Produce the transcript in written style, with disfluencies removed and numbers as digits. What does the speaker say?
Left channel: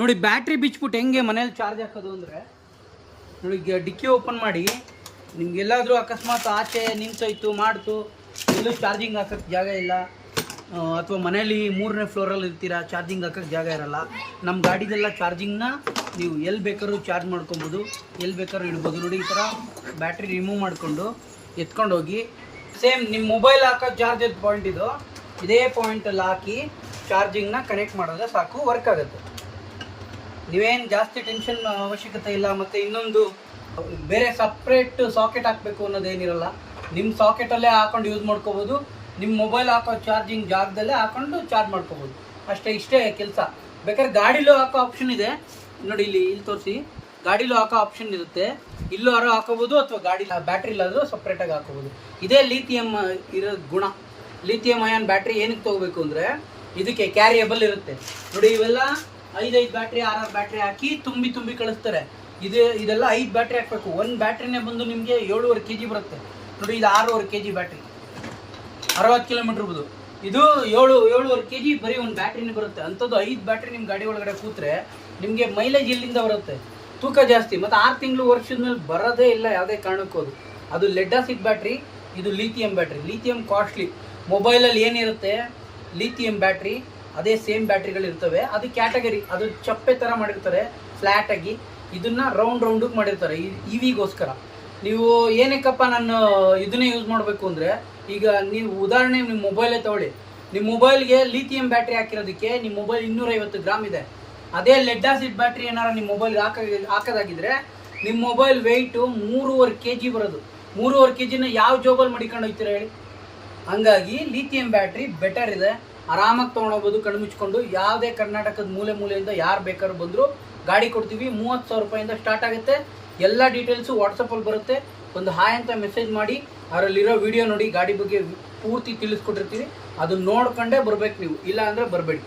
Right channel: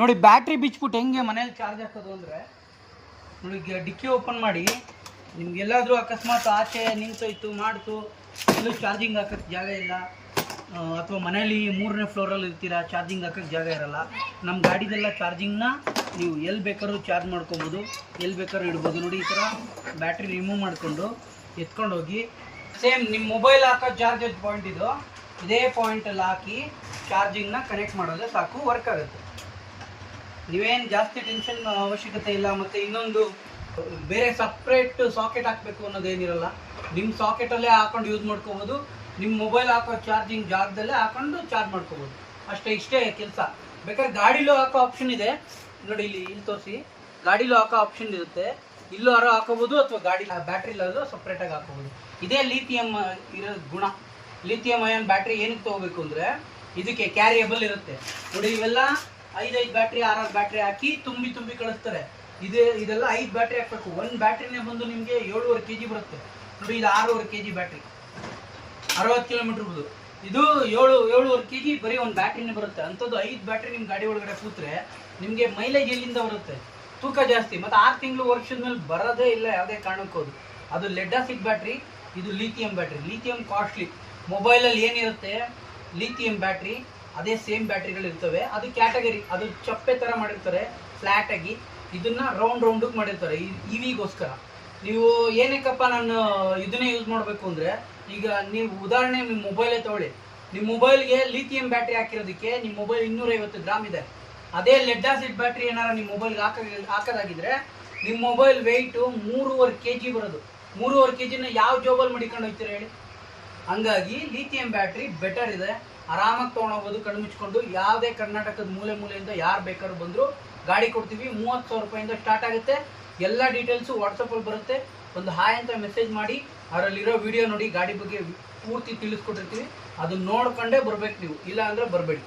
ನೋಡಿ ಬ್ಯಾಟ್ರಿ ಬಿಚ್ಬಿಟ್ಟು ಹೆಂಗೆ ಮನೇಲಿ ಚಾರ್ಜ್ ಹಾಕೋದು ಅಂದರೆ ನೋಡಿ ಡಿಕ್ಕಿ ಓಪನ್ ಮಾಡಿ ನಿಮ್ಗೆಲ್ಲಾದರೂ ಅಕಸ್ಮಾತ್ ಆಚೆ ನಿಂತೋಯ್ತು ಮಾಡ್ತು ಎಲ್ಲೂ ಚಾರ್ಜಿಂಗ್ ಹಾಕೋಕ್ಕೆ ಜಾಗ ಇಲ್ಲ ಅಥವಾ ಮನೇಲಿ 3ನೇ ಫ್ಲೋರಲ್ಲಿ ಇರ್ತೀರಾ ಚಾರ್ಜಿಂಗ್ ಹಾಕೋಕ್ಕೆ ಜಾಗ ಇರಲ್ಲ. ನಮ್ಮ ಗಾಡಿದೆಲ್ಲ ಚಾರ್ಜಿಂಗ್ನ ನೀವು ಎಲ್ಲಿ ಬೇಕಾದ್ರೂ ಚಾರ್ಜ್ ಮಾಡ್ಕೊಬೋದು, ಎಲ್ಲಿ ಬೇಕಾದ್ರೂ ಇಡ್ಬೋದು. ನೋಡಿ ಈ ಥರ ಬ್ಯಾಟ್ರಿ ರಿಮೂವ್ ಮಾಡಿಕೊಂಡು ಎತ್ಕೊಂಡು ಹೋಗಿ ಸೇಮ್ ನಿಮ್ಮ ಮೊಬೈಲ್ ಹಾಕೋ ಚಾರ್ಜರ್ ಪಾಯಿಂಟ್ ಇದು, ಇದೇ ಪಾಯಿಂಟಲ್ಲಿ ಹಾಕಿ ಚಾರ್ಜಿಂಗ್ನ ಕನೆಕ್ಟ್ ಮಾಡಿದ್ರೆ ಸಾಕು, ವರ್ಕ್ ಆಗುತ್ತೆ. ನೀವೇನು ಜಾಸ್ತಿ ಟೆನ್ಷನ್ ಅವಶ್ಯಕತೆ ಇಲ್ಲ. ಮತ್ತು ಇನ್ನೊಂದು ಬೇರೆ ಸಪ್ರೇಟ್ ಸಾಕೆಟ್ ಹಾಕಬೇಕು ಅನ್ನೋದೇನಿರಲ್ಲ, ನಿಮ್ಮ ಸಾಕೆಟಲ್ಲೇ ಹಾಕೊಂಡು ಯೂಸ್ ಮಾಡ್ಕೋಬೋದು. ನಿಮ್ಮ ಮೊಬೈಲ್ ಹಾಕೋ ಚಾರ್ಜಿಂಗ್ ಜಾಗದಲ್ಲೇ ಹಾಕೊಂಡು ಚಾರ್ಜ್ ಮಾಡ್ಕೋಬೋದು. ಇಷ್ಟೇ ಕೆಲಸ. ಬೇಕಾದ್ರೆ ಗಾಡಿಲೂ ಹಾಕೋ ಆಪ್ಷನ್ ಇದೆ ನೋಡಿ, ಇಲ್ಲಿ ತೋರಿಸಿ. ಗಾಡಿಲೂ ಹಾಕೋ ಆಪ್ಷನ್ ಇರುತ್ತೆ, ಇಲ್ಲೂ ಹಾಕೋಬೋದು ಅಥವಾ ಗಾಡಿ ಬ್ಯಾಟ್ರಿಲಾದರೂ ಸಪ್ರೇಟಾಗಿ ಹಾಕೋಬೋದು. ಇದೇ ಲಿಥಿಯಮ್ ಇರೋ ಗುಣ. ಲಿಥಿಯಮ್ ಅಯಾನ್ ಬ್ಯಾಟ್ರಿ ಏನಕ್ಕೆ ತೊಗೋಬೇಕು ಅಂದರೆ ಇದಕ್ಕೆ ಕ್ಯಾರಿಯಬಲ್ ಇರುತ್ತೆ ನೋಡಿ. ಇವೆಲ್ಲ 5 ಬ್ಯಾಟ್ರಿ 6 ಬ್ಯಾಟ್ರಿ ಹಾಕಿ ತುಂಬಿ ಕಳಿಸ್ತಾರೆ. ಇದೆಲ್ಲ 5 ಬ್ಯಾಟ್ರಿ ಹಾಕಬೇಕು. ಒಂದು ಬ್ಯಾಟ್ರಿನೇ ಬಂದು ನಿಮಗೆ 7.5 kg ಬರುತ್ತೆ ನೋಡಿ. ಇದು 6.5 kg ಬ್ಯಾಟ್ರಿ, 60 ಕಿಲೋಮೀಟ್ರ್ ಬದು. ಇದು 7.5 kg ಬರೀ ಒಂದು ಬ್ಯಾಟ್ರಿನೇ ಬರುತ್ತೆ. ಅಂಥದ್ದು 5 ಬ್ಯಾಟ್ರಿ ನಿಮ್ಮ ಗಾಡಿ ಒಳಗಡೆ ಕೂತ್ರೆ ನಿಮಗೆ ಮೈಲೇಜ್ ಇಲ್ಲಿಂದ ಬರುತ್ತೆ, ತೂಕ ಜಾಸ್ತಿ. ಮತ್ತು 6 ತಿಂಗಳು ವರ್ಷದ ಮೇಲೆ ಬರೋದೇ ಇಲ್ಲ ಯಾವುದೇ ಕಾರಣಕ್ಕೋದು. ಅದು ಲೆಡ್ ಆಸಿಡ್ ಬ್ಯಾಟ್ರಿ, ಇದು ಲಿಥಿಯಂ ಬ್ಯಾಟ್ರಿ. Lithium costly. ಮೊಬೈಲಲ್ಲಿ ಏನಿರುತ್ತೆ ಲಿಥಿಯಂ ಬ್ಯಾಟ್ರಿ ಅದೇ ಸೇಮ್ ಬ್ಯಾಟ್ರಿಗಳಿರ್ತವೆ. ಅದು ಕ್ಯಾಟಗರಿ, ಅದು ಚಪ್ಪೆ ಥರ ಮಾಡಿರ್ತಾರೆ ಫ್ಲ್ಯಾಟಾಗಿ. ಇದನ್ನು ರೌಂಡಿಗೆ ಮಾಡಿರ್ತಾರೆ ಇವಿಗೋಸ್ಕರ. ನೀವು ಏನಕ್ಕಪ್ಪ ನಾನು ಇದನ್ನೇ ಯೂಸ್ ಮಾಡಬೇಕು ಅಂದರೆ, ಈಗ ನೀವು ಉದಾಹರಣೆ ನಿಮ್ಮ ಮೊಬೈಲೇ ತೊಗೊಳ್ಳಿ. ನಿಮ್ಮ ಮೊಬೈಲ್ಗೆ ಲಿಥಿಯಂ ಬ್ಯಾಟ್ರಿ ಹಾಕಿರೋದಕ್ಕೆ ನಿಮ್ಮ ಮೊಬೈಲ್ 250 ಗ್ರಾಮ್ ಇದೆ. ಅದೇ ಲೆಡ್ ಆಸಿಡ್ ಬ್ಯಾಟ್ರಿ ಏನಾರು ನಿಮ್ಮ ಮೊಬೈಲ್ಗೆ ಹಾಕೋದಾಗಿದ್ರೆ ನಿಮ್ಮ ಮೊಬೈಲ್ ವೆಯ್ಟು 3.5 kg ಬರೋದು. 3.5 kgನ ಯಾವ ಜೋಬಲ್ಲಿ ಮಡಿಕೊಂಡು ಹೋಗ್ತೀರಾ ಹೇಳಿ? ಹಂಗಾಗಿ ಲಿಥಿಯಂ ಬ್ಯಾಟ್ರಿ ಬೆಟರ್ ಇದೆ. ಆರಾಮಾಗಿ ತೊಗೊಂಡೋಗ್ಬೋದು ಕಣ್ಣು ಮುಚ್ಕೊಂಡು. ಯಾವುದೇ ಕರ್ನಾಟಕದ ಮೂಲೆಯಿಂದ ಯಾರು ಬೇಕಾದ್ರೂ ಬಂದರೂ ಗಾಡಿ ಕೊಡ್ತೀವಿ. 30,000 ರೂಪಾಯಿಂದ ಸ್ಟಾರ್ಟ್ ಆಗುತ್ತೆ. ಎಲ್ಲ ಡೀಟೇಲ್ಸು ವಾಟ್ಸಪ್ಪಲ್ಲಿ ಬರುತ್ತೆ. ಒಂದು ಹಾಯ್ ಅಂತ ಮೆಸೇಜ್ ಮಾಡಿ, ಅದರಲ್ಲಿರೋ ವಿಡಿಯೋ ನೋಡಿ, ಗಾಡಿ ಬಗ್ಗೆ ಪೂರ್ತಿ ತಿಳಿಸ್ಕೊಟ್ಟಿರ್ತೀವಿ. ಅದನ್ನ ನೋಡ್ಕೊಂಡೇ ಬರ್ಬೇಕು ನೀವು, ಇಲ್ಲ ಅಂದರೆ ಬರಬೇಡಿ.